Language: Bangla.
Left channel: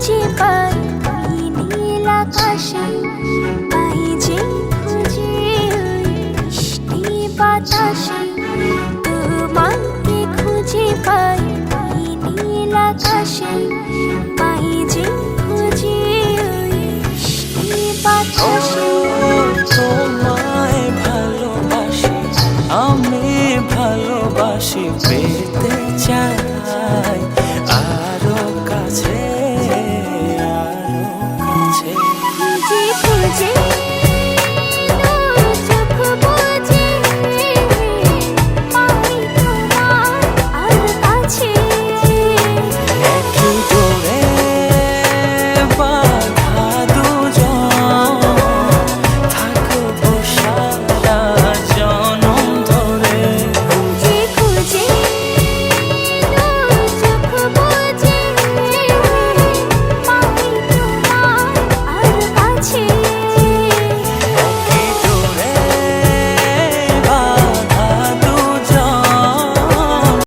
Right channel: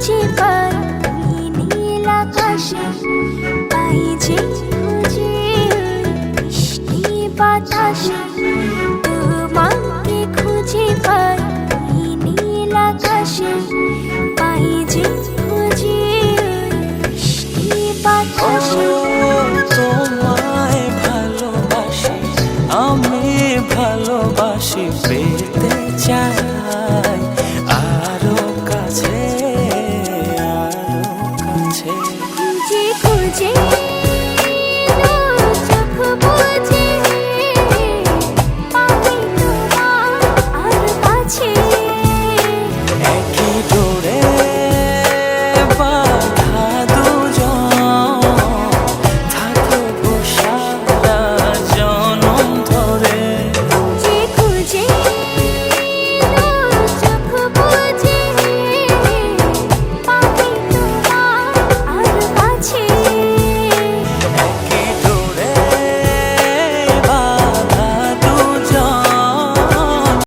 পাই ওই নীল আকাশে। পাই যে খুঁজে ওই বৃষ্টি বাতাসে। তোমাকে খুঁজে পাই ওই নীল আকাশে। পাই যে খুঁজে ওই বৃষ্টি বাতাসে। তোমায় ভালোবাসি, আমি ভালোবাসি, পেতে চাই।